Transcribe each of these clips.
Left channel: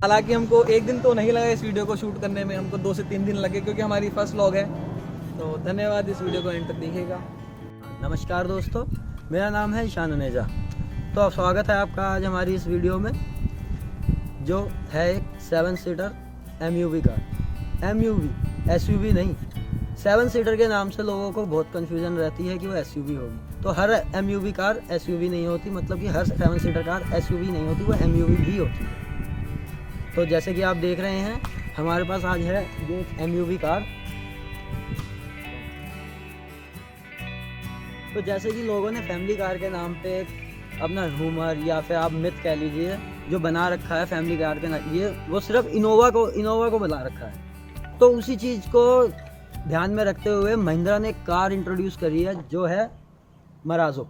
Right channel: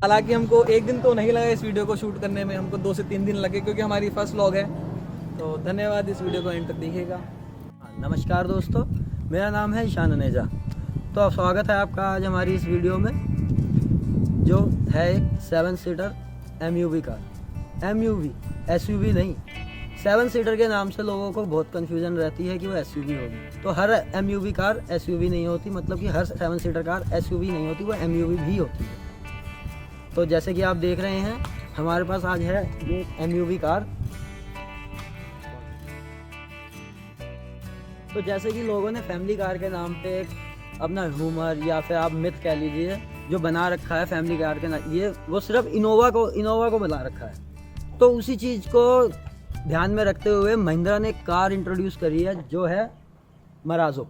हालांकि हमको एक दिन तो नहीं लगा इस वीडियो को शूट करने में, हमको 2 से 3 दिन लगे क्योंकि हमारी फर्स्ट व्लॉग है। तो धन्यवाद, इस वीडियो को एंड तक देखिएगा। नमस्कार दोस्तों, मेरा नाम है ईशान अनेजा। तो स्वागत है आपका आज हमारी इस वीडियो में, जो है एक 7 seater MUV car. MUV SUV नहीं, 7 सीटर के नाम से लोगों को बहुत कन्फ्यूजन रहती है कि वो SUV होगी। तो हर MUV कार SUV नहीं होती, मतलब कि हर 7 सीटर कार SUV नहीं होती, वो MUV भी होती है। तो जैसे कि आप देख रहे हैं, हमारे पास आज है ये MUV कार। तो जैसे कि लोगों ने फैमिली कार के नाम पे एक अपना रूमर या फिर आप मिथ कह लीजिए जो बना रखा है फैमिली कार के नाम, ये वो सिर्फ इनोवा को बना रखा है। तो उसी चीज़ को ध्यान में रखते हुए महिंद्रा ने कार इंट्रोड्यूस करी है जो है मराजो।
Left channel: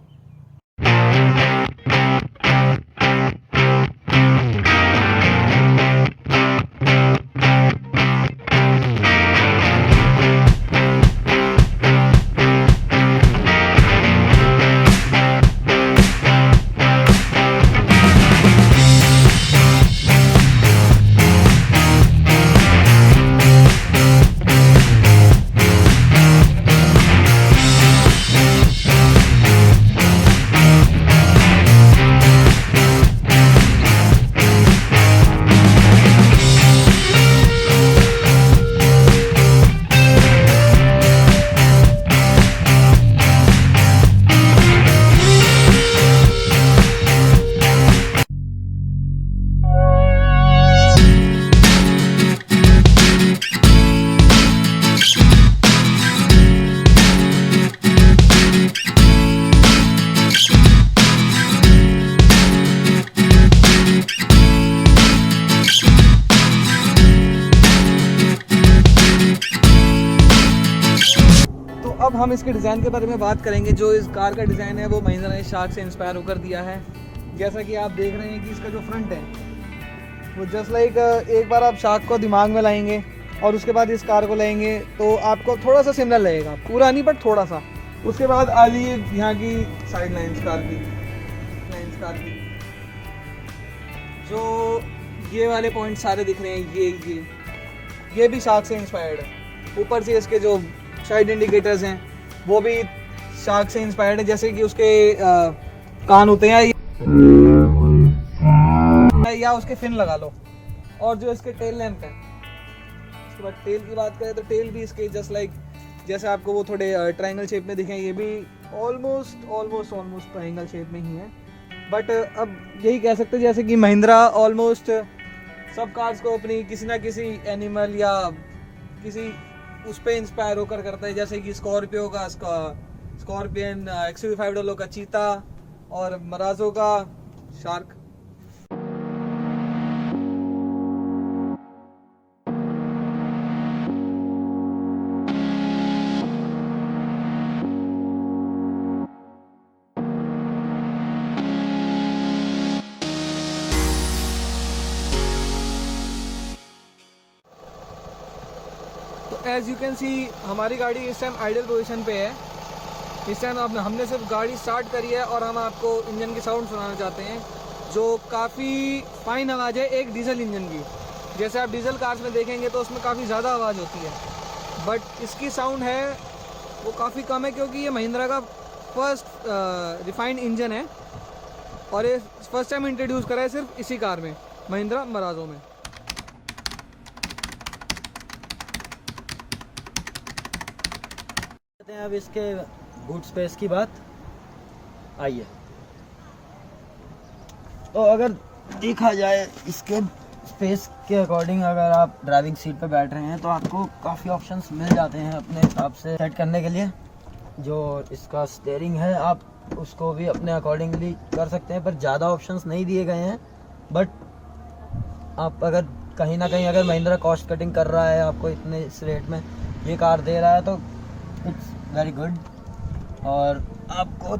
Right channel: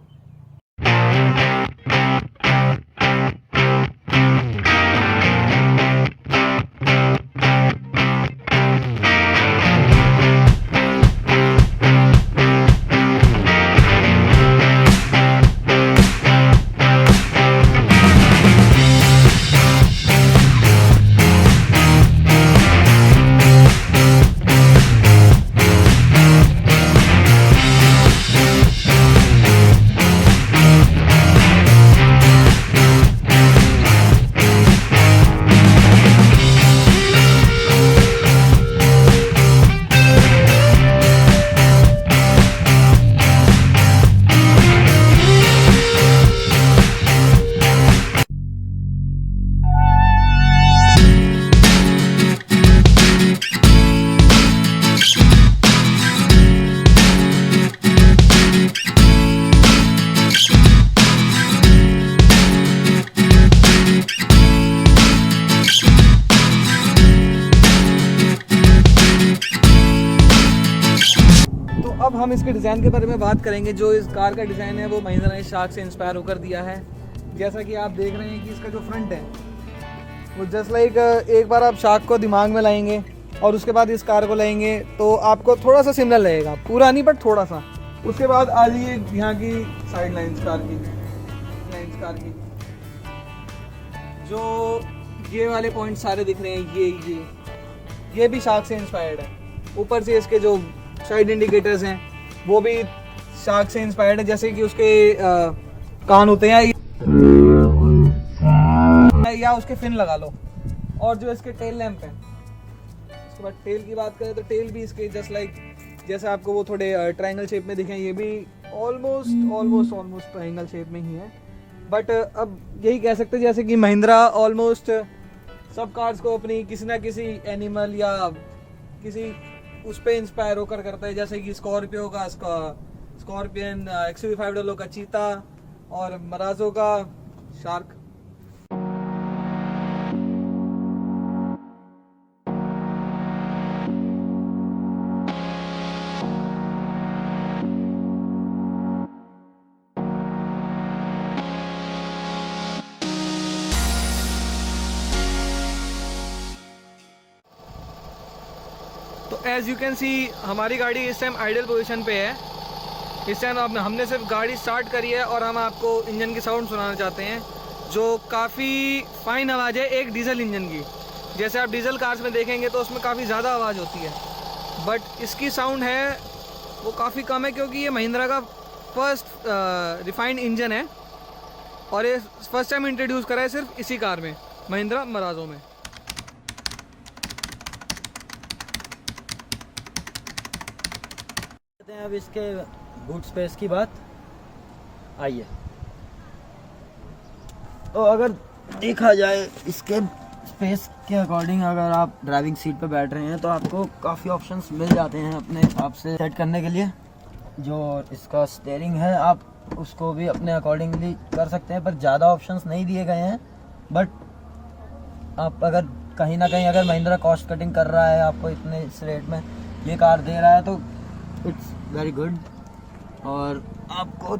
अब हम इसके डिज़ाइन के बारे में बात करेंगे। जो इस कार का डिज़ाइन है वो महिंद्रा ने शार्क से इंस्पायर होकर दिया है। जैसा कि आप देख रहे हैं कि इसका जो फ्रंट है वो जस्ट लाइक, एक बार आप शार्क को दिमाग में लाएंगे और उसके बाद इस कार को लेंगे तो आपको थोड़ा सा सिमिलर लगेगा, पूरा नहीं बट थोड़ा सा। उसके बाद आ जाइए यहाँ की साइड लाइन्स कार की, जो ये वाले पॉइंट सारे दिख रहे हैं, ये भी शार्क से इंस्पायर्ड है। ऊपर से इसके जो साइड इंडिकेटर्स हैं वो भी शार्क से इंस्पायर्ड है, जैसे कि उसके कान होते हैं या उसके फिन लगा लो। और जो इसके टेल लैंप है, उसके बाद टेल की बात करें तो टेल भी इसके जस्ट लाइक, जैसे आपको वो थोड़े ट्रायंगल शेप में दिखें, ये भी ऑलमोस्ट ट्रायंगल शेप में ही है। बट अब यही कह सकते हैं जैसे कि महिंद्रा ऑलमोस्ट सब कार्स को अपनी किसी ना किसी एनिमल या किसी उस पर इंस्पायर होकर करता है। जैसे कि स्कॉर्पियो का स्कॉर्पियन, XUV500 का चीता और मराजो का शार्क। तो एज़ यू कैन सी हमारी गाड़ी इस टाइम आइडल पोजीशन पे है। इस टाइम हमने सिर्फ गाड़ी स्टार्ट करी है और हम आपको इंजन की साउंड सुनाना चाहते हैं, जो काफ़ी फाइन आवाज़ है एक डीजल इंजन की। जैसे आप डीजल कार्स में देखेंगे तो उसमें काफ़ी ज़्यादा आवाज़ होती है, बट इसकी साउंड है वो काफ़ी कम है, क्योंकि ये महिंद्रा का फर्स्ट रिफाइंड इंजन है और ये फर्स्ट टाइम इंट्रोड्यूस करा है सिर्फ इसी कार में, महिंद्रा मराजो में। अब इसके बूट स्पेस की बात आइए, तो अगर देखा जाए इसके स्पेस के अकॉर्डिंग, अगर आप ड्राइविंग सीट पर बैठ रहे हैं तो आपको काफ़ी ऑप्शंस मिल जाते हैं अपने हिसाब से सेट करने के लिए। जो इसका स्टीयरिंग है आप उसको भी अपने अकॉर्डिंगली कर सकते हैं, पर ज़्यादा ऑप्शंस नहीं दिए गए हैं। बट आप अगर कहीं ना कहीं अगर महिंद्रा कॉस्ट कटिंग कर रहा है, आपको इतने इस रेट में ये कार दे रहा है, तो इट्स वेरी गुड। और आपको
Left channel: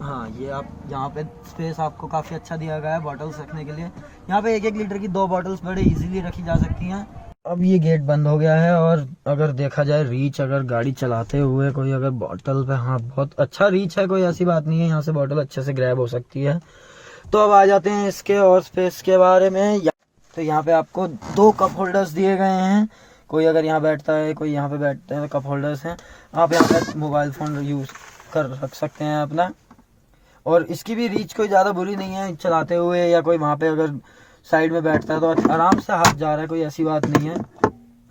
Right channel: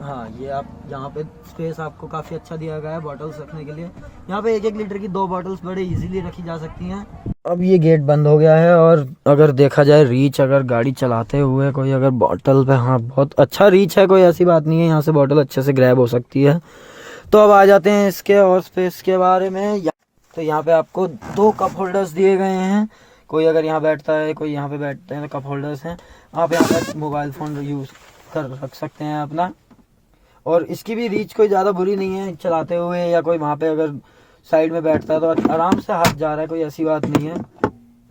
हाँ, ये आप यहाँ पे स्पेस आपको काफ़ी अच्छा दिया गया है बॉटल्स रखने के लिए। यहाँ पे 1-1 लीटर की 2 बॉटल्स बड़े इजीली रखी जा सकती हैं। अब ये गेट बंद हो गया है और अगर देखा जाए रीच, अगर गाड़ी चलाते हुए कोई अगर बॉटल पे, हाँ बहुत अच्छा रीच है, कोई ऐसी बात नहीं है, यहाँ से बॉटल अच्छे से ग्रैब हो सकती है। तो अब आ जाते हैं इसके और स्पेस के बारे में। तो यहाँ पे आपको 2 कप होल्डर्स दिए गए हैं। कोई अगर यहाँ बैठता है, कोई यहाँ पे बैठते हैं, तो कप होल्डर्स हैं। आप यहाँ पे मोबाइल फ़ोन यूज़ कर रख सकते हैं अपना। और इसकी भी रीच कोई ज़्यादा बुरी नहीं है चलाते हुए, या कोई वहाँ पे अगर साइड में बैठता है तो आराम से हाथ जा रहा है, कोई ऐसी बात नहीं है।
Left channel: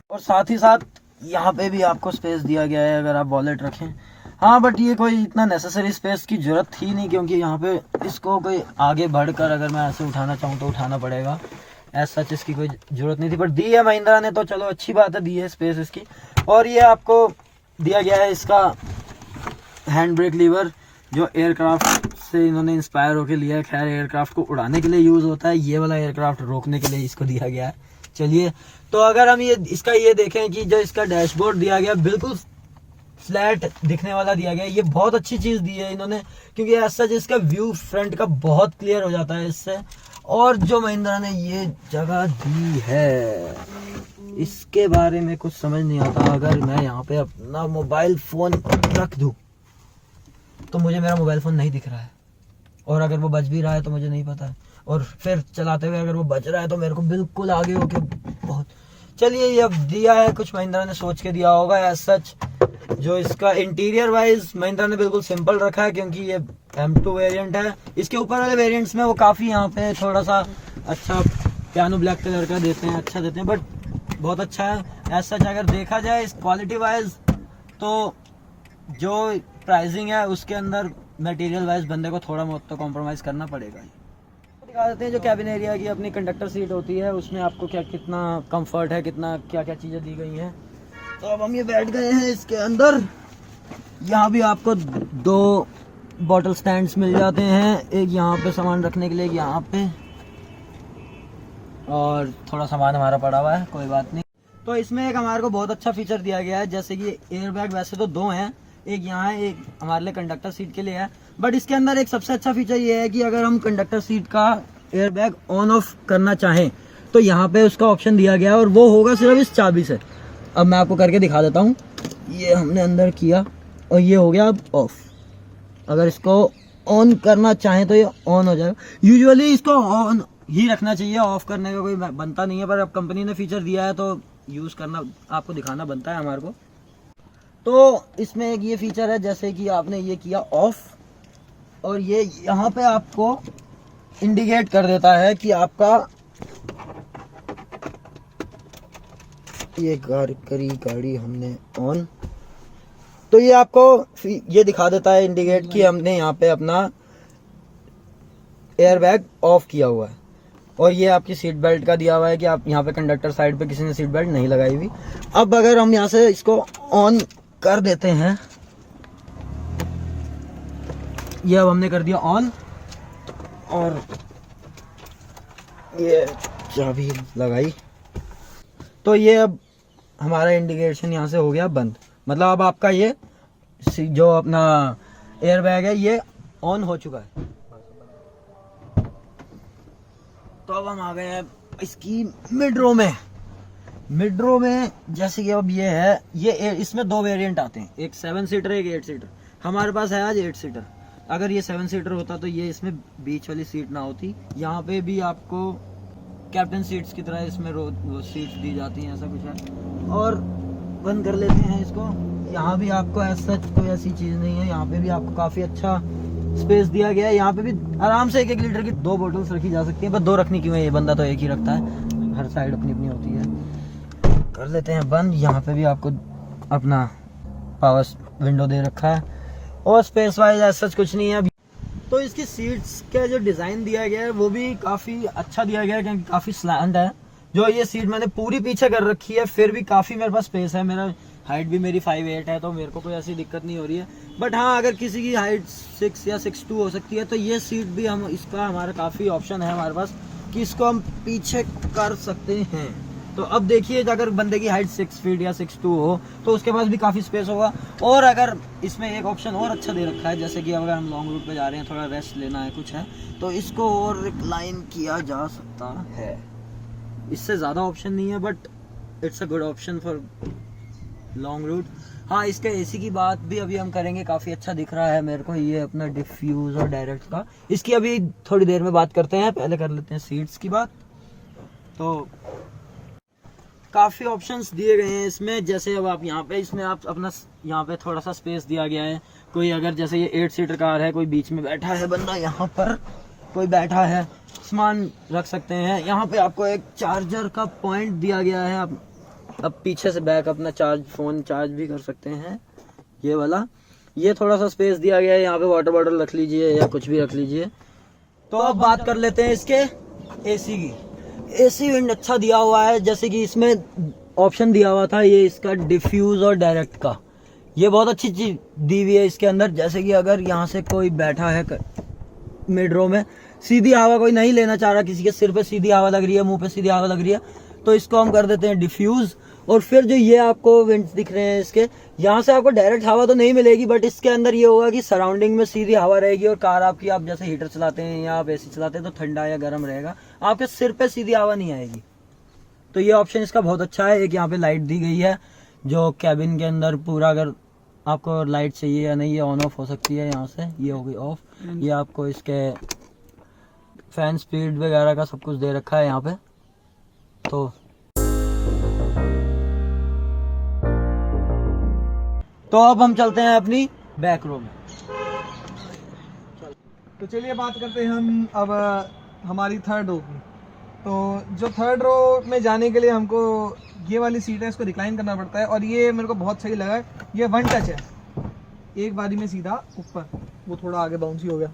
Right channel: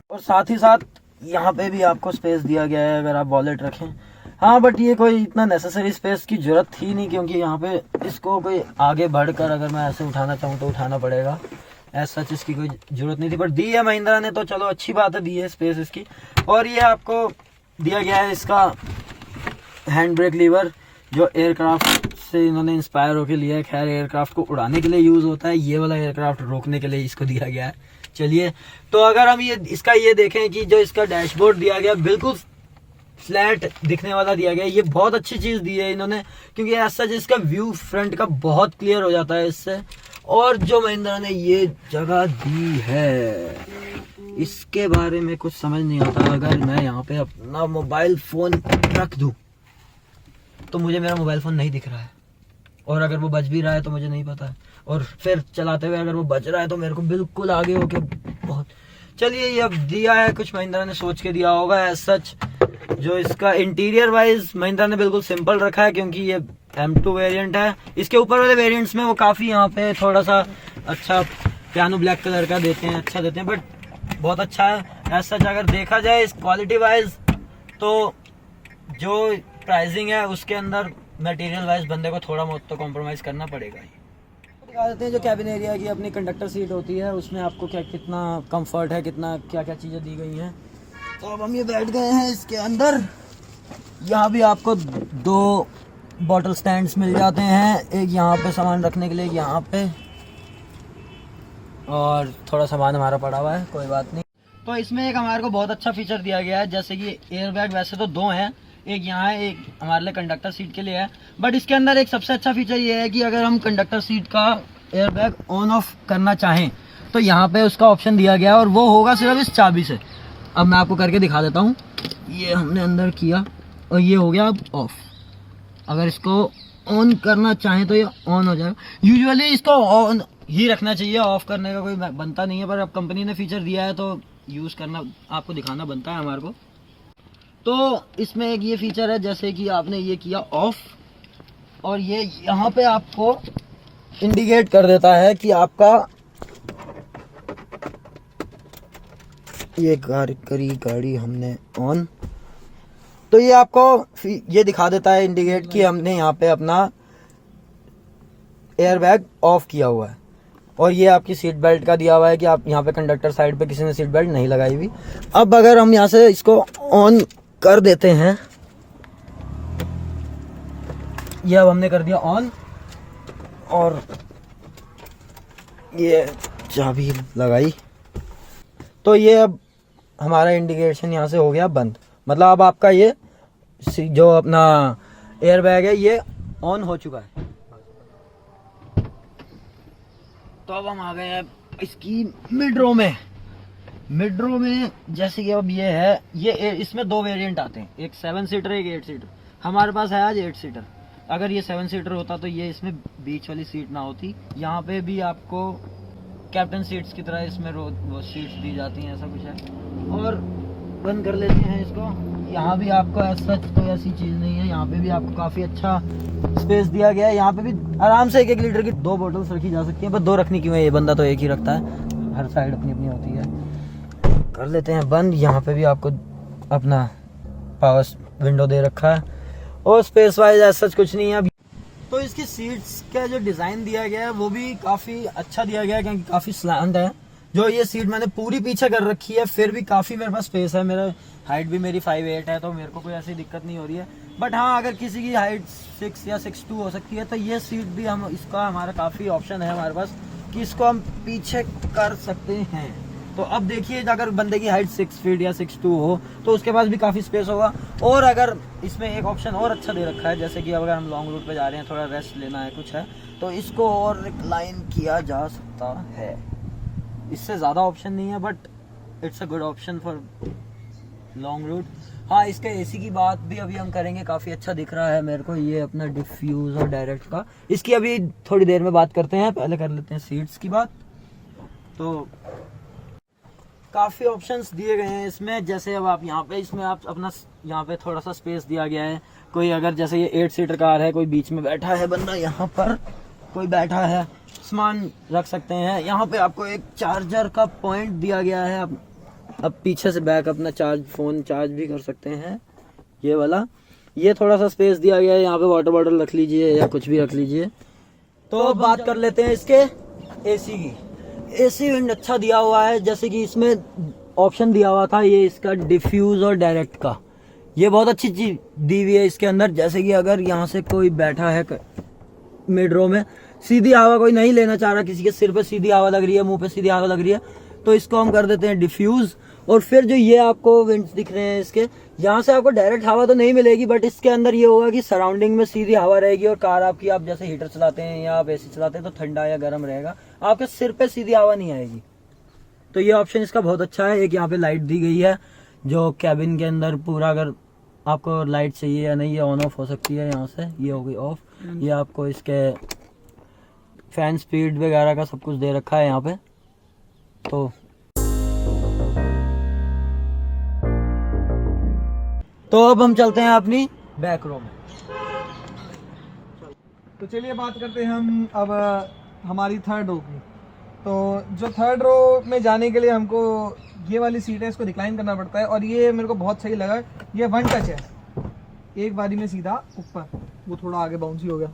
और साथ ही साथ यहाँ पे भी आपको स्पेस दिया गया है अगर आप वॉलेट रखें। हाँ, बट ये कोई इतना नेसेसरी स्पेस की ज़रूरत थी नहीं, क्योंकि यहाँ पे इसको कोई आगे बढ़कर अगर मैं ऐसे उठाना चाहूँ तो उठाना पड़ेगा। ऐसा सच इसकी कोई ज़रूरत नहीं थी, बट दी है महिंद्रा ने, तो चलो अच्छी बात है, दी है स्पेस इसकी। और ये आपको दिया गया है इसका हैंड ब्रेक लीवर, जो एयरक्राफ्ट से इन्होंने इंस्पायर होकर लिया है। खैर, एयरक्राफ्ट को उड़ाने के लिए यूज़ होता है, ये वाला एयरक्राफ्ट रोकने के लिए इसको दिया गया है। चलिए, तो अगर हम ये देखें कि जो इसका डैशबोर्ड दिया गया बिल्कुल फ्लैट दिखने वाला दिया गया है, ये बहुत अच्छी चीज़ दी है इन्होंने, क्योंकि ऐसा जिसका व्यू फ्रंट का बहुत क्लियर हो जाता है इससे। और जो महिंद्रा ने ये जगह दी है, इसके बारे में कुछ समझ नहीं आता। अगर मैं यहाँ पे अपना मोबाइल फ़ोन रख दूँ तो मुझे मेरा मोबाइल फ़ोन नहीं दिख रहा है, और अगर वो बज भी रहा है तो मुझे नहीं पता है, और फिर चलाते हुए अगर वो बज रहा है तो मेरे को बिल्कुल आगे होके बहुत। चलिए, ये अब दिया है, कुछ महिंद्रा ने सोच के दिया होगा एज सच। जो इसका इंटीरियर वाइज महिंद्रा ने बिल्कुल सिंपल रखा है, क्योंकि ये M2 वेरिएंट है। इसके ऊपर वाले वेरिएंट्स में वो काफ़ी यहाँ पे थोड़ा सा अच्छा पियानो ब्लैक कलर का देते हैं, अच्छा देते हैं, बट बहुत अच्छा है एज सच। अगर देखा जाए इस क्वालिटी वाइज, तो जो प्राइसिंग है उसके अंदर मटेरियल वाइज बंदे को थोड़ा बहुत तो कॉम्प्रोमाइज़ करना पड़ेगा ही। दिखा देते हैं जो कैबिन एरिया की अपनी कंडक्टर सीट होती है, उसमें आपको कितना कंफर्ट है, कितना क्या क्या चीज़ें दी गई हैं। तो अब हम ये बैठ गए हैं इसके अंदर। यहाँ भी आपको 2 बॉटल स्टैंड्स मिल जाते हैं, एक यहाँ पे सामान रखने के लिए, एक यहाँ पे, और थोड़ा सामान हमारा पड़ा हुआ है, कोई बात नहीं। तो इसमें एक हमारे को बहुत अच्छा फीचर दिया गया है, जैसे कि एयर बैग वैसे तो 2 हैं, एक यहाँ है, एक हमारे लिए कंडक्टर सीट के लिए है, बट इसके अंदर एक सबसे अच्छा फीचर ये है कि अगर हम कंडक्टर सीट का एयर बैग ऑन ऑफ करना चाहें तो यहाँ पे उसका ऑप्शन दिया गया है, और वो होगा सिर्फ इस चाबी से। अब मैं आपको करके दिखा देता हूँ। ये हमने अंदर किया और ये हो गया अब ऑफ। अगर इसको ऑन करना चाहें तो ये ऑन हो जाएगा। यूजुअली इसको ऑन ही रखना चाहिए, ऑफ करने का कोई बनता नहीं है, पर अब कंपनी ने फीचर दिया है तो यूज़ करना, आपको दिखाना बनता है हमारे को। तो इसमें एक ये फीचर है, जैसे कि आपने ये किया ऑफ, और ये यहाँ पे आपको इंडिकेट कर देता है कि आपका ये गाड़ी हमने ऑन, तो ये आपको ये दिखा देता है इंडिकेट कि हमने यहाँ पे अपना एयर बैग ऑफ किया हुआ है। और ये आपकी सीट बेल्ट का दिया हुआ है कि आप यहाँ पे कंडक्टर साइड पे किसी ने सीट बेल्ट नहीं लगाई हुई। अब अगर हम यहाँ से इसको ऑन कर देते हैं, ये अब हमने कर दिया ऑन, और ये चाबी लगाई, तो ये अब हमारा इंडिकेशन यहाँ से हो गया बंद। मतलब अब आपका ये जो अपना एयर बैग है ये ऑन हो चुका है। तो अब हम आ गए हैं इसकी मिड रो में। मिड रो में जैसे कि अब ये है, ये इसमें 2 वेरिएंट आते हैं, एक 7 सीटर, एक 8 सीटर। हमारे पास है आज 8 सीटर। अगर ये 7 सीटर होता तो ये इसमें बीच वाली सीट ना होती। यहाँ पे भी आपको कैप्टन सीट्स की तरह इसमें वो सीट्स दी जाती हैं, ऐसा कुछ है। और बंद कर लेते हैं इसको। यहाँ भी आपको ऐसा कोई ऐसी चीज़ नहीं है, यहाँ पे भी आपको काफ़ी अच्छा स्पेस दिया गया है। यहाँ पे भी आराम से 1-1 लीटर की 2 बोतल्स रखी जा सकती हैं, पर 2 रखनी क्यों है, ये बंदा तो एक ही रखता है, हर साइड अपनी अपनी होती है। कर लेते हैं बंद। यहाँ पे भी आपको अपना पावर विंडो दे रखा है, और स्पेस वाइज ऐसा कुछ नहीं है। तो इसकी सीट्स का जो डिज़ाइन दिया गया है वो भी काफ़ी अच्छा दिया गया है, क्योंकि काफ़ी स्लैंट है। जो ये सीट मैंने पूरी पीछे कर रखी है, फिर भी काफ़ी मेरे पास स्पेस है। मेरा हाइट भी मेरी 5'8" है, तो मेरे को कोई ऐसी दिक्कत नहीं हो रही है। बट हाँ, अगर किसी की हाइट 6 या 6'2" हो सकती है, तो ये सीट भी हम इसका हमारा काफ़ी ऑप्शन है हमारे पास कि इसको हम पीछे कर सकते हैं। तो अब देखिए, अगर बंदे की हाइट 6 फीट या 6'2" हो तो उसके पास भी काफ़ी स्पेस होगा। और अगर इसमें एक ऑप्शन और अच्छा दे रखा है, जैसे कि अगर हम लॉन्ग रूट पे जा रहे हैं, थोड़ा रेस्ट लेना है, कुछ है, तो इसको और रिक्लाइन किया जा सकता है। इससे ज़्यादा ऑप्शन नहीं है, but it's a good option for long route. हाँ, इसके एसी की बात भी अभी हम करेंगे, काफ़ी अच्छा दिख रहा है मेरे को ये अपना डिफ्यूज़र डायरेक्ट का। इसकी अभी थोड़ी देर में बात करते हैं, पहले कर लेते हैं सीट्स की बात। तो काफ़ी ऑप्शंस दिए गए हैं इसमें। जैसे अब आप यहाँ पे, इसमें आप अपना यहाँ पे थोड़ा सा स्पेस दिया गया है। कोई अगर जैसे ये 8 सीटर कार है, कोई बीच में बैठा है बंदा, यहाँ पर कोई बैठा है, सामान रख सकते हैं। यहाँ पे आपको एक चार्जर का पॉइंट दिया गया है। अब पीछे से बैक अपना फ़ोन चार्ज भी कर सकते हैं, ये वाला। ये थोड़ा सा स्पेस दिया गया है, यहाँ पे वाटर बॉटल रख लीजिए या कुछ भी रख लीजिए। तो अब बात कर लेते हैं इसके एसी की। एसी विंड अच्छा दिया हुआ है, जैसे कि इसमें ऑप्शन दिया हुआ था ये इसका डिफ्यूज और डायरेक्ट का। ये बहुत अच्छी चीज दी हुई है इसके अंदर। जैसे कि अगर यहाँ से कोई बैठा है मिड रो में, सीधी हवा कोई नहीं लेना चाह रहा, किसी के सिर पे सीधी हवा लग रही है, मुंह पे सीधी हवा लग रही है, तो इसको हम कर देते हैं डिफ्यूज। और फिर जो ये आपको विंड्स दिख रहे हैं इसके, यहाँ से आपको डायरेक्ट हवा तो नहीं मिलेगी, बट इसके अंदर ये होगा कि सराउंडिंग में सीधी हवा रहेगी। और कार आपकी, आप जैसे हीटर चलाते हैं या आप एसी चलाते हैं तो ठंडा या गर्म रहेगा, आपके सिर पे सीधी हवा नहीं आएगी। तो ये ऑप्शन इसका बहुत अच्छा है। एक यहाँ पे लाइट दी गई है जो कैबिन के अंदर पूरा, अगर आपको लाइट चाहिए या नहीं, ये ऑन ऑफ हो सकती है। यहाँ से ये हो गई ऑफ। ये आपको इसके फैन स्पीड वगैरह का सब कुछ दे रखा है यहाँ पे। तो अब हम चलते हैं अपनी बैक रो में। तो चलिए बात करते हैं हम अब हमारी थर्ड रो की। तो जो थर्ड रो में जाने के लिए हमको ये वाली सीट है, इसको रिक्लाइन करना पड़ता है। और ये मेरे को बहुत सही लगा, ये वन टच है, एक बारी में सीधा ऊपर। वो थोड़ा आगे बाउंसी हो गया।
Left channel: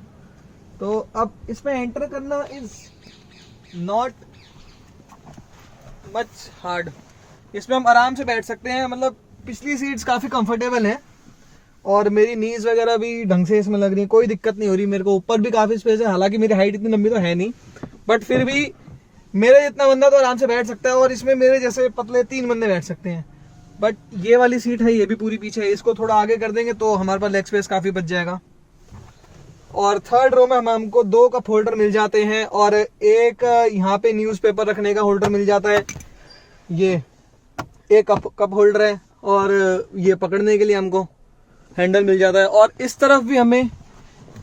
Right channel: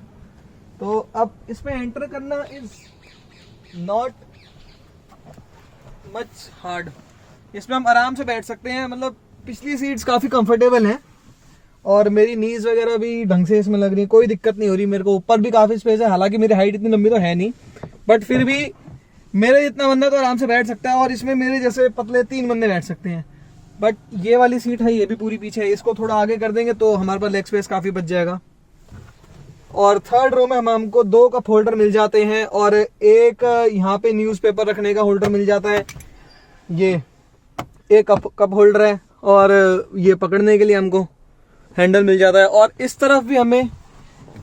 तो अब इसमें एंटर करना इज नॉट मच हार्ड। इसमें हम आराम से बैठ सकते हैं। मतलब पिछली सीट्स काफ़ी कंफर्टेबल हैं और मेरी नीज वगैरह भी ढंग से इसमें लग रही है, कोई दिक्कत नहीं हो रही। मेरे को ऊपर भी काफ़ी स्पेस है, हालांकि मेरी हाइट इतनी लंबी तो है नहीं, बट फिर भी मेरे जितना बंदा तो आराम से बैठ सकता है। और इसमें मेरे जैसे पतले 3 बंदे बैठ सकते हैं। बट ये वाली सीट है, ये भी पूरी पीछे है, इसको थोड़ा आगे कर देंगे तो हमारे पास लेग स्पेस काफ़ी बच जाएगा। और थर्ड रो में हमको 2 कप होल्डर मिल जाते हैं और एक यहाँ पे न्यूज़पेपर रखने का होल्डर मिल जाता है। ये एक कप होल्डर है और ये पकड़ने के लिए हमको हैंडल मिल जाता है। और इस तरफ भी हमें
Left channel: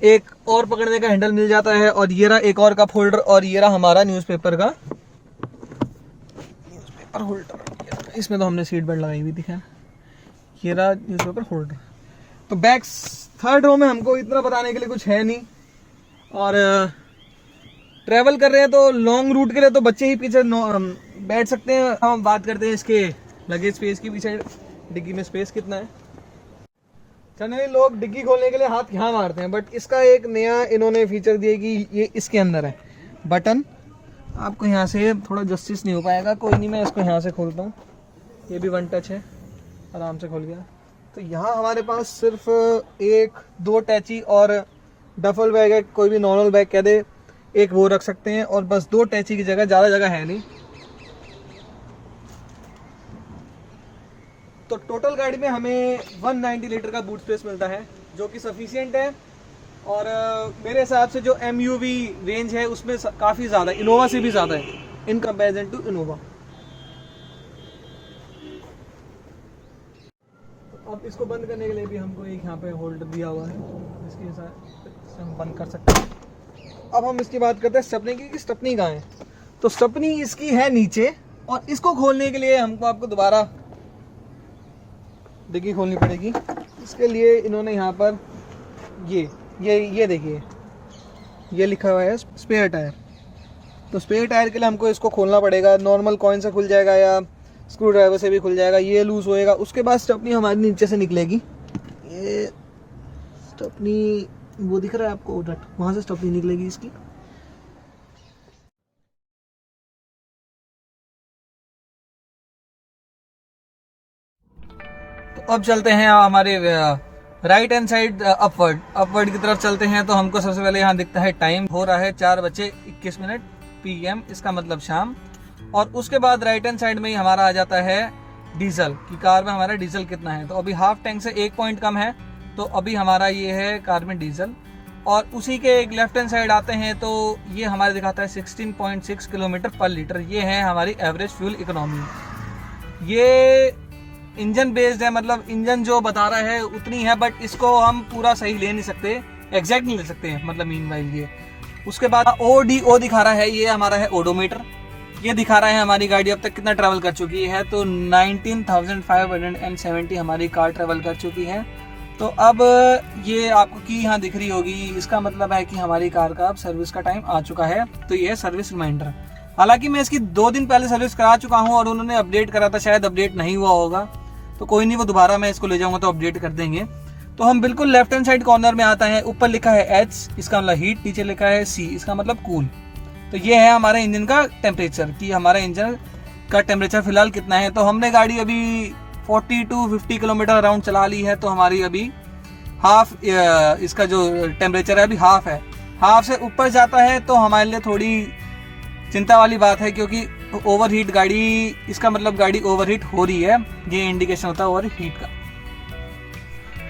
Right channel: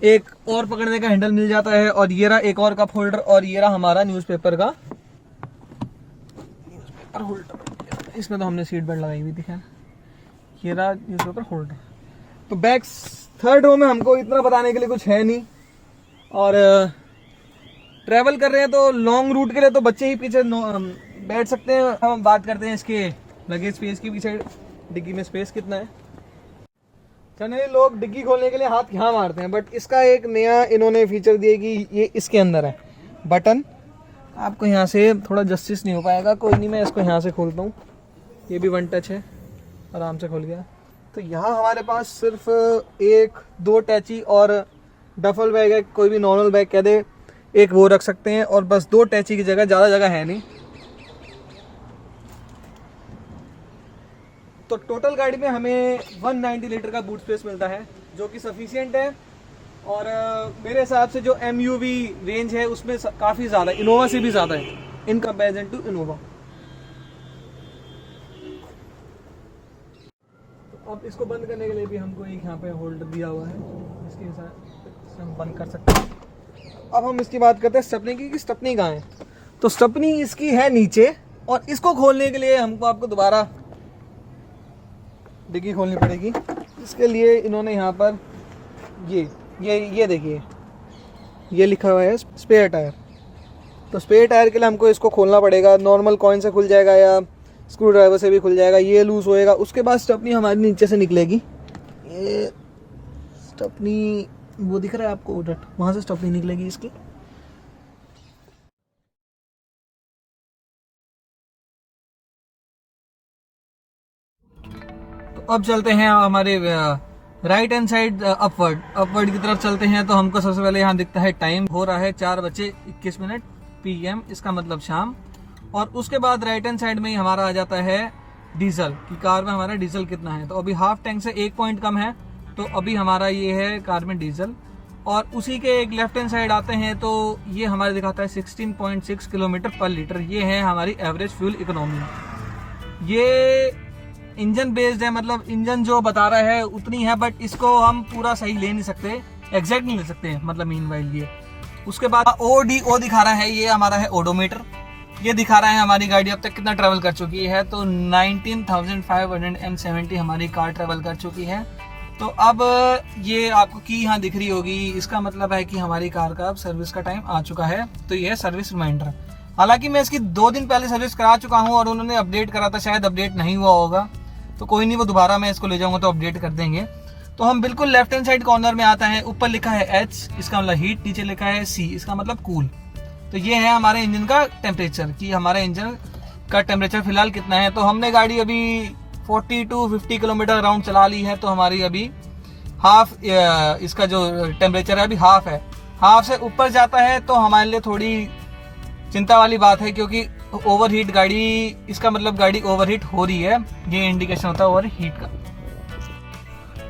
एक और पकड़ने का हैंडल मिल जाता है। और ये रहा एक और कप होल्डर, और ये रहा हमारा न्यूज़पेपर का होल्डर। इसमें तो हमने सीट बेल्ट लगाई हुई थी। ये रहा न्यूज़पेपर होल्डर। तो बैक थर्ड रो में हमको इतना बताने के लिए कुछ है नहीं। और ट्रैवल कर रहे हैं तो लॉन्ग रूट के लिए तो बच्चे ही पीछे बैठ सकते हैं। हम बात करते हैं इसके लगेज स्पेस की। पीछे डिग्गी में स्पेस कितना है? जनरली लोग डिग्गी खोलने के लिए हाथ यहाँ मारते हैं, बट इसका एक नया इन्होंने फीचर दिया कि ये इसके अंदर है बटन। आपको यहाँ से थोड़ा जस्टिस नहीं हो पाएगा, कोई नहीं, मैं इसको यहाँ से खोलता हूँ। ये भी वन टच है, आराम से खुल गया। तो यहाँ हमारे पास सिर्फ 1-2 टैची और डफल बैग है, कोई भी नॉर्मल बैग कह दे, एक वो रख सकते हैं। और बस 2 टैची की जगह, ज़्यादा जगह है नहीं। तो टोटल गाड़ी में हमें 190 लीटर का बूट स्पेस मिलता है, जो कि सफिशिएंट है। और मेरे हिसाब से जो MUV रेंज है उसमें काफ़ी ज़्यादा, इनोवा से भी ज़्यादा है इन कंपैरिजन टू इनोवा। तो अब इसको बंद करने के लिए भी हमको एक यहाँ पे होल्डर दिया हुआ है, इसके साथ हम बंद कर सकते हैं। अब हम इसकी बात करते हैं स्टेपनी की, कि स्टेपनी कहाँ है। तो स्टेपनी इसकी है नीचे, और इसको खोलने के लिए हमको आपको दोबारा डिग्गी खोलनी पड़ेगी। इसके लिए इन्होंने यहाँ पर ये देखिए, ये लिखा हुआ है स्पेयर टायर। तो स्पेयर टायर के लिए हमको इसको खोलना पड़ेगा। नॉर्मल कॉइन से खुल जाएगा या स्क्रू ड्राइवर से भी खुल जाएगा, ये लूज होएगा। उसके बाद स्टेपनी हमारी नीचे से निकलेगी। ये स्टेपनी वो दिख रहा है आपको, वहाँ से स्टेपनी निकलेगी इसकी। अब चलते हैं हमारे राइट हैंड साइड अपवर्ड की तरफ चलते हैं। तो हमको सबसे पहले यहाँ दिखता है टाइम, हो रहा है 4:21 PM, इसका मतलब शाम। और उसके बाद राइट हैंड साइड में ही हमारा आ जाता है डीजल, कि कार में हमारा डीजल कितना है। तो अभी हाफ टैंक से 1 पॉइंट कम है, तो अभी हमारा ये है कार में डीजल। और उसी के एक लेफ्ट हैंड साइड आते हैं तो ये हमारे दिखाता है 16.6 किलोमीटर पर लीटर। ये है हमारी एवरेज फ्यूल इकोनॉमी। ये इंजन बेस्ड है, मतलब इंजन जो बता रहा है उतनी है, बट इसको हम पूरा सही ले नहीं सकते, एग्जैक्ट नहीं ले सकते, मतलब मीन वाइज ये। उसके बाद ODO दिखा रहा है, ये हमारा है ओडोमीटर। ये दिखा रहा है हमारी गाड़ी अब तक कितना ट्रैवल कर चुकी है। तो 19,570 हमारी कार ट्रैवल कर चुकी है। तो अब ये आपको की यहाँ दिख रही होगी, इसका मतलब है कि हमारी कार का अब सर्विस का टाइम आ चुका है। तो ये है सर्विस रिमाइंडर। हालांकि मैं इसकी 2 दिन पहले सर्विस करा चुका हूँ और उन्होंने अपडेट करा था, शायद अपडेट नहीं हुआ होगा। तो कोई नहीं, वो दोबारा मैं इसको ले जाऊँगा तो अपडेट कर देंगे। तो हम बिल्कुल लेफ्ट हैंड साइड कॉर्नर में आता है। ऊपर लिखा है H, इसका मतलब हीट, नीचे लिखा है C, इसका मतलब कूल। तो ये है हमारे इंजन का टेम्परेचर कि हमारे इंजन का टेम्परेचर फिलहाल कितना है। तो हमने गाड़ी अभी 40 to 50 किलोमीटर अराउंड चला ली है। तो हमारी अभी हाफ, इसका जो टेम्परेचर है अभी हाफ है। हाफ से ऊपर जाता है तो हमारे लिए थोड़ी चिंता वाली बात है, क्योंकि ओवरहीट गाड़ी, इसका मतलब गाड़ी ओवरहीट हो रही है, ये इंडिकेशन होता है ओवरहीट का।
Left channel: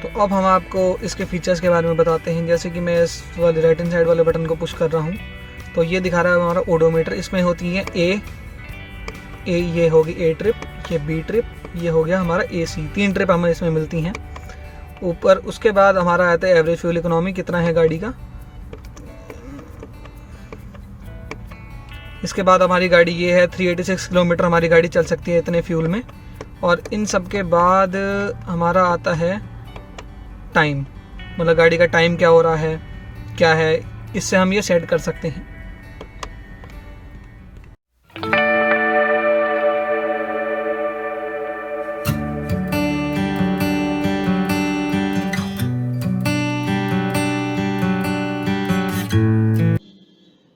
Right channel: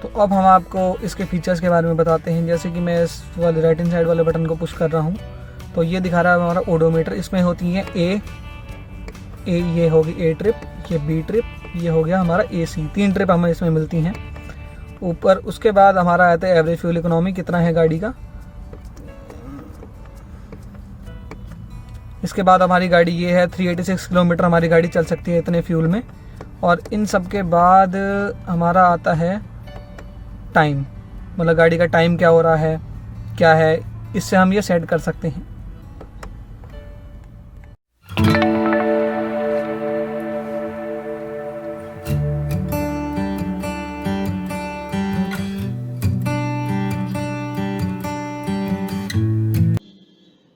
तो अब हम आपको इसके फीचर्स के बारे में बताते हैं। जैसे कि मैं इस वाले राइट हैंड साइड वाले बटन को पुश कर रहा हूँ तो ये दिखा रहा है हमारा ओडोमीटर। इसमें होती है ए, ये होगी ए ट्रिप, ये बी ट्रिप, ये हो गया हमारा AC। 3 ट्रिप हमें इसमें मिलती हैं ऊपर। उसके बाद हमारा आता है एवरेज फ्यूल इकोनॉमी, कितना है गाड़ी का। इसके बाद हमारी गाड़ी ये है 386 किलोमीटर हमारी गाड़ी चल सकती है इतने फ्यूल में। और इन सब के बाद हमारा आता है टाइम, मतलब गाड़ी का टाइम क्या हो रहा है, क्या है, इससे हम ये सेट कर सकते हैं।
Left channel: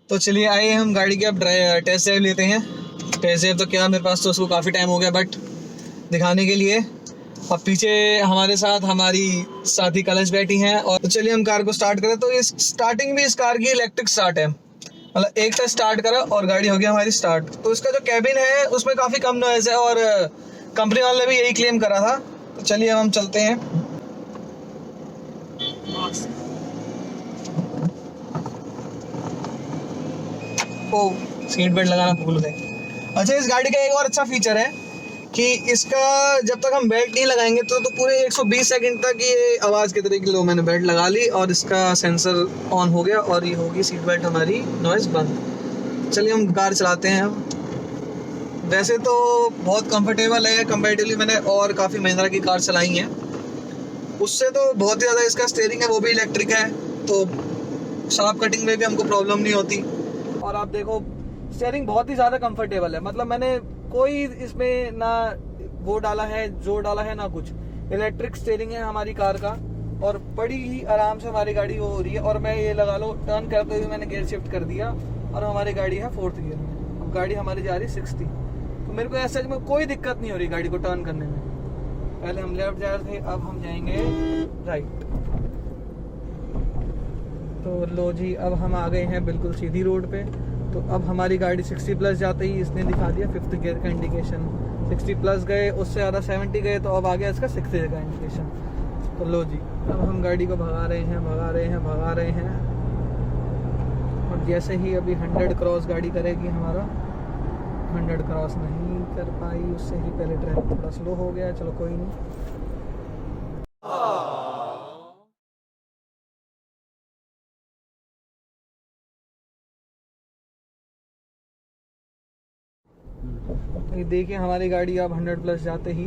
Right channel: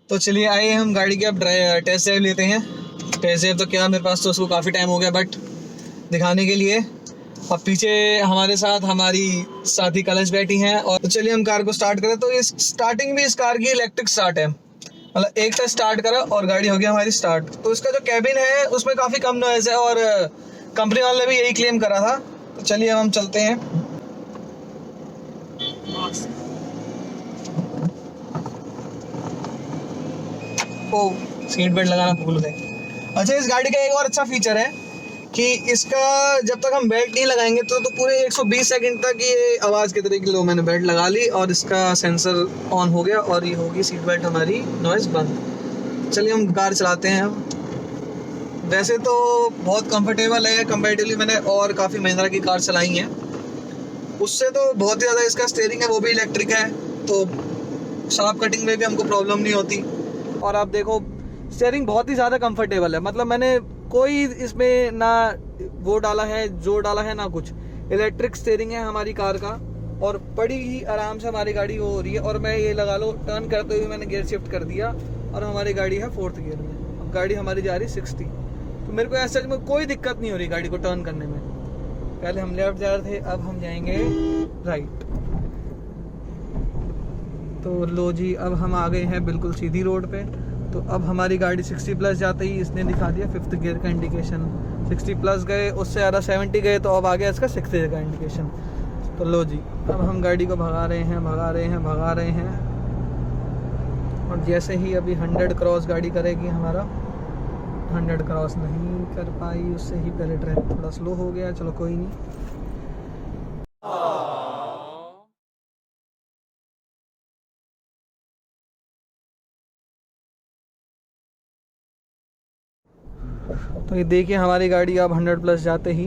तो चलिए आइए हम गाड़ी के अब टेस्ट ड्राइव लेते हैं। टेस्ट ड्राइव तो क्या, मेरे पास तो उसको काफ़ी टाइम हो गया, बट दिखाने के लिए। अब पीछे हमारे साथ हमारी साथी कलश बैठी हैं। और तो चलिए हम कार को स्टार्ट करें। तो इस स्टार्टिंग भी इस कार की इलेक्ट्रिक स्टार्ट है, मतलब एक टच स्टार्ट करा और गाड़ी हो गई हमारी स्टार्ट। तो इसका जो कैबिन है उसमें काफ़ी कम नॉइज़ है और कंपनी वाले ने भी यही क्लेम करा था। तो चलिए अब हम चलते हैं। ओ, सीट बेल्ट लगाना भूल गए। अच्छा, इस गाड़ी का एक और अच्छा फीचर है कि इसका जब तक हम बेल्ट नहीं लगाएंगे तो पूरे 120 सेकंड तक ये आवाज़ की तरह की, लो मैंने बेल्ट लगा ली और इसका सेंसर ऑन हो गया और ये होगी सीट बेल्ट हमारी नॉइज़ बंद। चलिए हम कार चलाते हैं। वैसे तो बहुत कंफर्टेबल है कंपैरेटिवली, मैंने और काफ़ी महिंद्रा की कार चलाई हैं उससे तो बहुत ही ज़्यादा। इसका स्टीयरिंग है वो भी इलेक्ट्रिक है, तो शार्प कटिंग में भी हमको प्रॉब्लम नहीं होती। और आप देखो स्टीयरिंग बहुत ही ज़्यादा कंफर्टेबल है, मतलब मैंने कोई इसमें ना वो डाला है, जो डाला है ना कुछ। इलेक्ट्रिक स्टीयरिंग है हमारी कार का और बड़ी ही आराम से हमारी गाड़ी वो हो रही है। और मैं ये लगा लो टर्न करते हुए मैंने गियर शिफ्ट कर दिया और हमारी गाड़ी है 4th गियर में, गाड़ी हमारी जा रही 60। तो मेरे को ऐसा में कोई दिक्कत नहीं हो रही गाड़ी को टर्न करने में। पहले हम लेफ्ट जा रहे थे, अब हम जाएंगे राइट। तो लो जी, अब हम आ गए हैं बिल्कुल सीधी रोड पे। तो अब हमारी गाड़ी 60 प्लस जाते ही इसने दिखा दिया 5th गियर का इंडिकेशन। 60 प्लस गए, उससे ज़्यादा 70 गए तो अब आ गया इसका 6th गियर का इंडिकेशन। तो लो जी, अब हम गाड़ी को भगा रहे हैं। और जैसे ही अभी 100 क्रॉस गाड़ी करेगी, हमारा 100 क्रॉस नहीं कर पाई, उससे ही पहले ट्रैफिक थोड़ा स्लो हो गया। चलो कोई नहीं। तो ये देखिए हमारी गाड़ी अब 100 प्लस जाते ही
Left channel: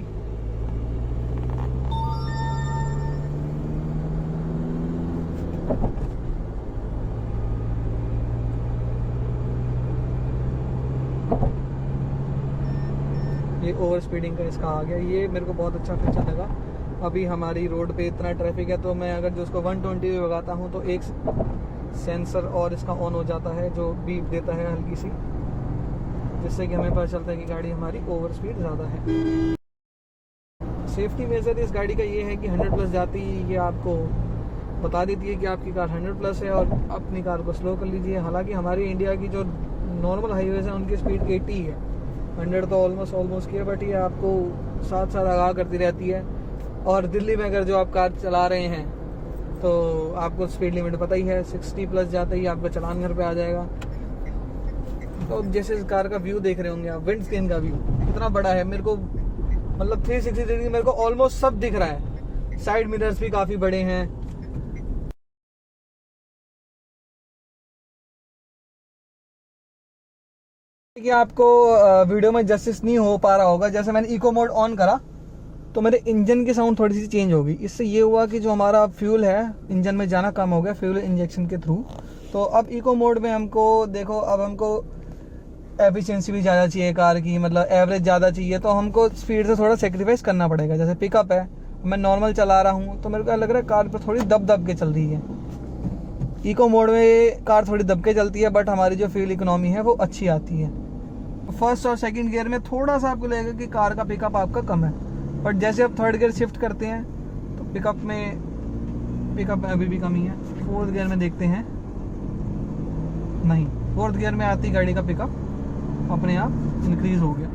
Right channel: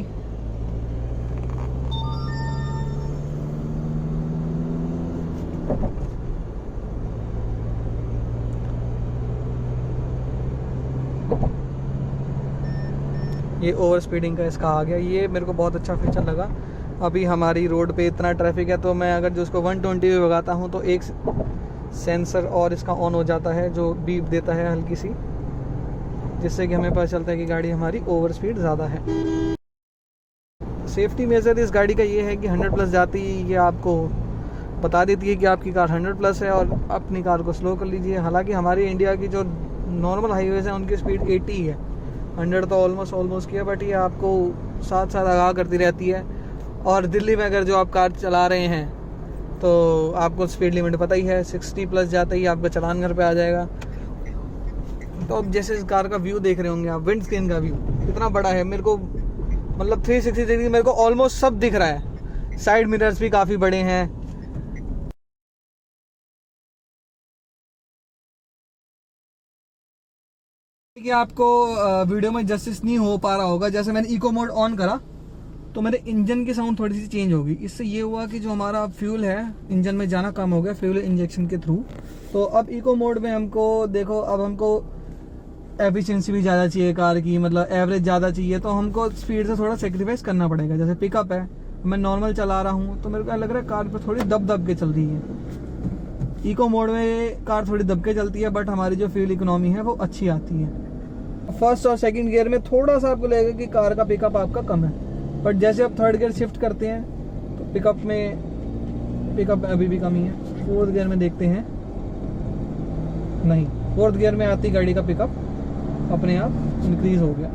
ये ओवर स्पीडिंग का इसका आ गया। ये मेरे को बहुत अच्छा फीचर लगा। अभी हमारी रोड पे इतना ट्रैफिक है तो मैं अगर जो उसको 120 पे भगाता हूँ तो एक सेंसर और इसका ऑन हो जाता है जो बीप देता है हल्की सी, जिससे कि हमें पता चलता है कि गाड़ी हमारी ओवर स्पीड ज़्यादा है। सेफ्टी मेजर इस गाड़ी का ये है कि 100 प्लस जाती ही ये आपको बता देती है कि आपकी कार 100 प्लस है और अपनी कार को स्लो कर लीजिए। हालांकि हमारी इंडिया की जो नॉर्मल हाईवेज हैं उनकी स्पीड 80 है, 100 तो ऑलमोस्ट किया, बट ये आपको साथ साथ आगाह करती रहती है। और दिल्ली में अगर जो आप कार चला रहे हैं तो आपको स्पीड लिमिट पता ही है, 60 प्लस जाते ही आपका चालान घर पे आ जाएगा। तो अब जैसे इस कार का व्यू देख रहे होंगे आप, विंड स्क्रीन का व्यू कितना बड़ा है, मेरे को मतलब 360 डिग्री मेरे को ऑलमोस्ट सब दिख रहा है। साइड मिरर्स भी काफ़ी बड़े हैं। कि आपको वीडियो में जस्टिस नहीं हो पा रहा होगा, जैसे मैंने इको मोड ऑन करा तो मेरे इंजन की साउंड थोड़ी सी चेंज हो गई। इससे ये हुआ कि जो हमारा फ्यूल है इंजन में जाना कम हो गया फ्यूल इंजेक्शन के थ्रू। तो अब इको मोड में हमको देखो, अब हमको एफिशिएंसी भी ज़्यादा चाहिए कार की, मतलब एवरेज ज़्यादा चाहिए, तो हमको स्पीड से थोड़ा सेक्रीफाइस करना पड़ेगा। जैसे पिकअप है, मैं नॉर्मल चला रहा हूँ तो मेरे को लग रहा है कार पर थोड़ी दब के चल रही है। इको मोड में कार थोड़ी दब के चलती है, बट हमारी जो फ्यूल इकोनॉमी है वो अच्छी आती है। फर्स्ट और सेकंड गियर में थोड़ा सा आपको लगेगा कि कार का पिकअप आपका कम है, बट जैसे आप थर्ड गियर शिफ्ट करते हैं तो पिकअप अभी भी कमी है। फोर्थ गियर में देखते हैं, नहीं, फोर्थ गियर में आती गाड़ी का पिकअप अपने आप इंक्रीज हो गया।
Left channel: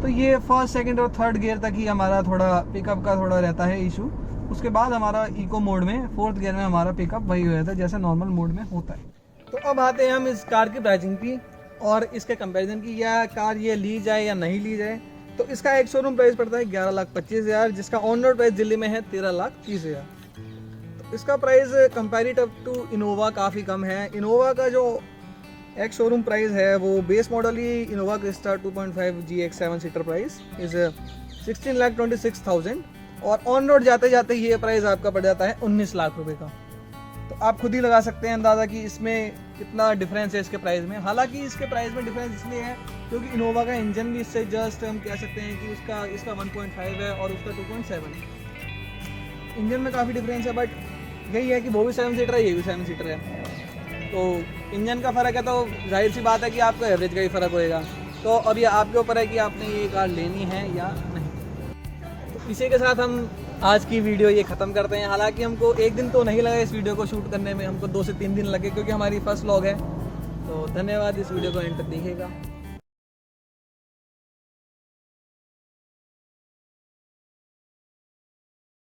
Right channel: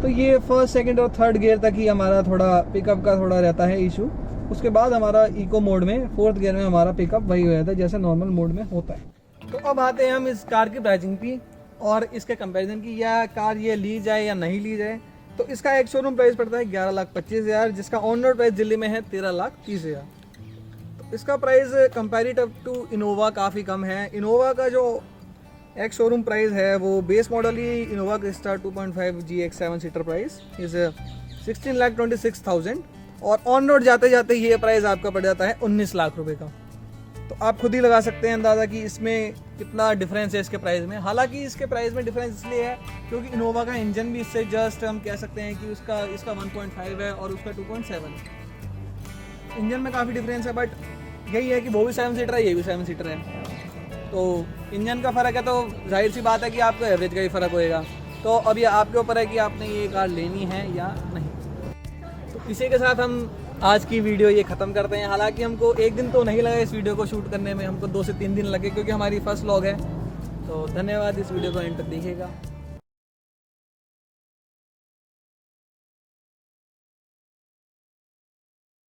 तो ये फर्स्ट सेकंड और थर्ड गियर तक ही हमारा थोड़ा पिकअप का थोड़ा रहता है इशू। उसके बाद हमारा इको मोड में फोर्थ गियर में हमारा पिकअप वही हो जाता है जैसे नॉर्मल मोड में होता है। तो अब आते हैं हम इस कार की प्राइसिंग की और इसके कंपैरिजन की, या कार ये ली जाए या नहीं ली जाए। तो इसका एक शोरूम प्राइस पड़ता है 11,25,000, जिसका ऑन रोड प्राइस दिल्ली में है 13,30,000। तो इसका प्राइस कंपैरेटिव टू इनोवा काफ़ी कम है। इनोवा का जो एक शोरूम प्राइस है वो base model he Innova Crysta 2.5 GX 7 seater price is 16,26,000 और ऑन रोड जाते जाते ये प्राइस आपका पड़ जाता है 19 लाख रुपए का। तो आप खुद ही लगा सकते हैं अंदाज़ा कि इसमें कितना डिफरेंस है इसके प्राइस में। हालांकि इसके प्राइस में डिफरेंस इसलिए है क्योंकि इनोवा का इंजन भी इससे जस्ट हम कह सकते हैं कि इसका 1.5 है और उसका 2.7 है। इंजन में काफ़ी डिफरेंस है, बट यही है कि वो भी 7 सीटर है, ये भी 7 सीटर है। तो इंजन का फ़र्क है तो जाहिर सी बात है कि आपको एवरेज का ही फ़र्क होएगा। तो अब ये आपके ऊपर है कि आपने ये कार लेनी है या नहीं। तो इसी के साथ हम आज की वीडियो ये ख़त्म करते हैं। हालांकि हमको एक दिन तो नहीं लगा इस वीडियो को शूट करने में, हमको 2 से 3 दिन लगे क्योंकि हमारी फर्स्ट व्लॉग है। तो धन्यवाद, इस वीडियो को एंड तक देखिएगा।